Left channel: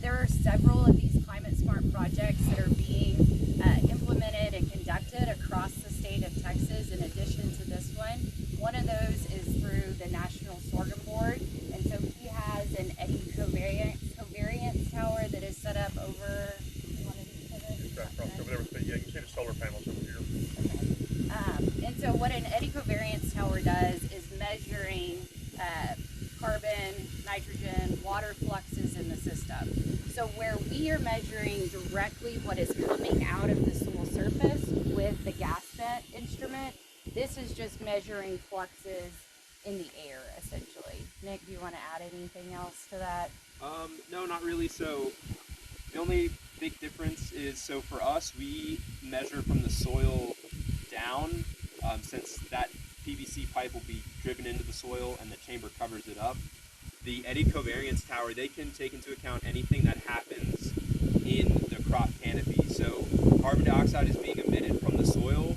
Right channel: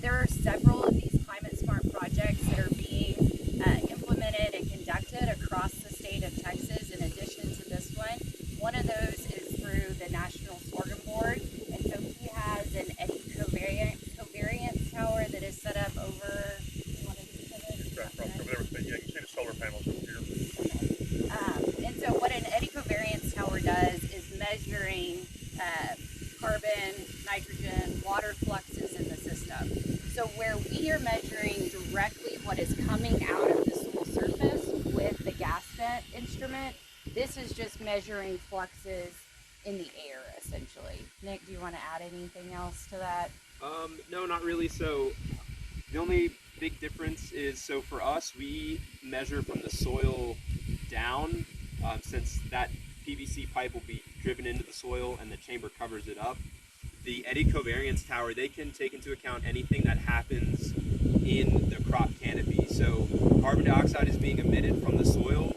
there are several of these climate smart projects that are being implemented and conducted across the state of Texas in addition to this one. One of those is through the National Sorghum Board, and so he has an Eddy Covariance tower that is set up over one of these pivots. It's right across over there with the, yeah, you can see the solar panels over here. Okay. And so what an Eddy Covariance tower does is measuring carbon, nitrogen, water fluxes in the system. So where we are measuring directly what is coming out of the soil surface with the gas set instrument, this is just measuring fluxes in the air, essentially. Nick, do you want to add anything else to that? No, not really. So the only big difference is, so for us, we measure from the soil down, since that PVC pipe will be driven into the soil and the chamber covers it up. The Eddy Covariance tower, they can take into account anything that happens in the crop canopy. So carbon dioxide is being emitted from the soil,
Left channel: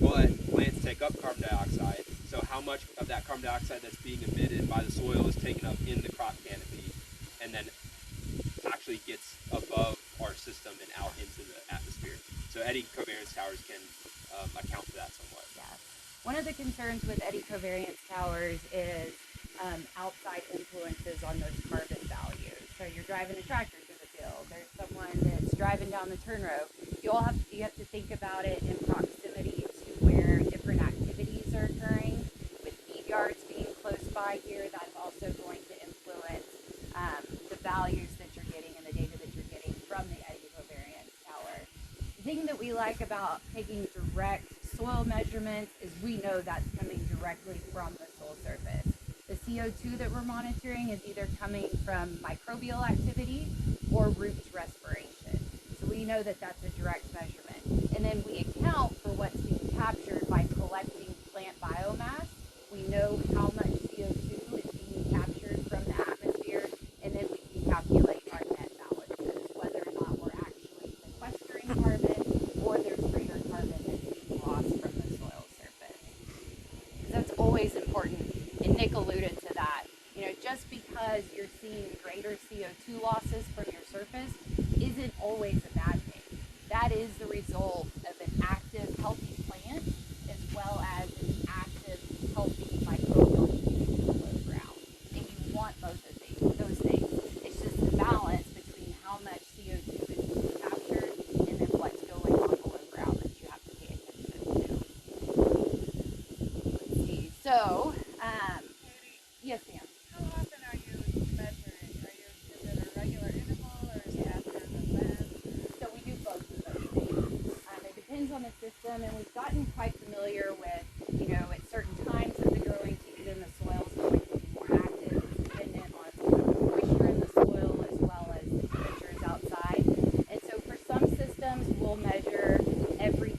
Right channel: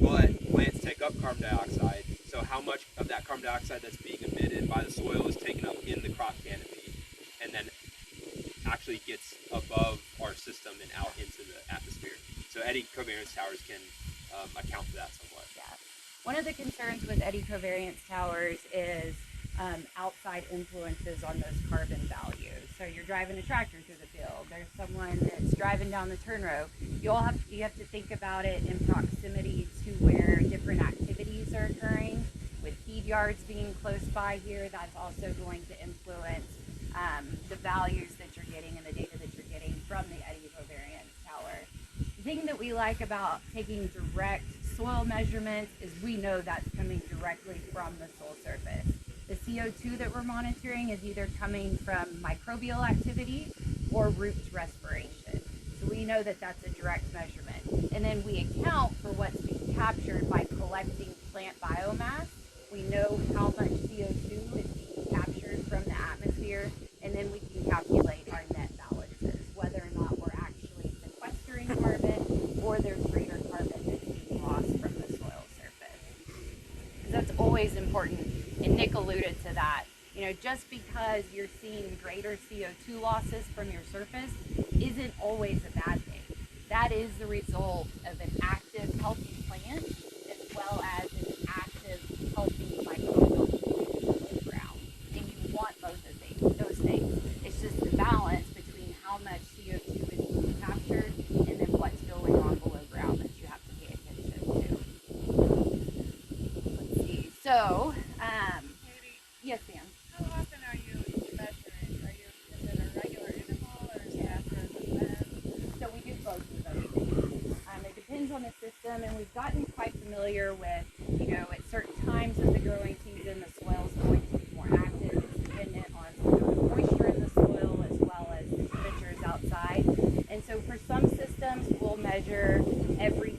but plants take up carbon dioxide. So how much of that carbon dioxide that's being emitted by the soil is taken up in the crop canopy and then actually gets above our system and out into the atmosphere. So Eddy Covariance towers can account for that somewhat. Yeah. One of the concerns with Eddy Covariance towers is outside influences on those carbon values. So you're driving a tractor through the field. There's someone that's driving down the turn row. You have to think about it in proximity to where different activities are occurring. With feed yards being close by here, that's also going to influence the values that you're getting and the data that you're getting from the Eddy Covariance tower. The thing that we like about taking direct soil measurements is we know that's coming directly from the soil surface. The CO2 that we're monitoring is either coming from microbial activity or roots respiration. So we know that that's a direct measurement. And then we account for what's being captured by collecting plant biomass. We know how much CO2 is being captured from the atmosphere, and then we can calculate our net balances, whether or not we're actually sequestering carbon or there's greater carbon that's being lost from the soil surface. That's always important. And Nick alluded to that. You know, just because you're seeing greater CO2 losses from your surface isn't always a bad thing. That is the result of an active, healthy plant as well as an active, healthy microbial community below ground. And you want both of those things. It's just the balance between how much CO2 is being captured and then what's going on below ground that you have to pay attention to. Let's see. So, Katie, yes, ma'am. how often are you measuring? Is it a regular interval or is it after an event? So we do both of those things. It depends on the system, and we've gotten quite familiar with, you know, at certain times of the growing season, the soil is going to be more active. It's dependent on the moisture in the soil as well as the temperatures outside. And so for some systems, we'll measure every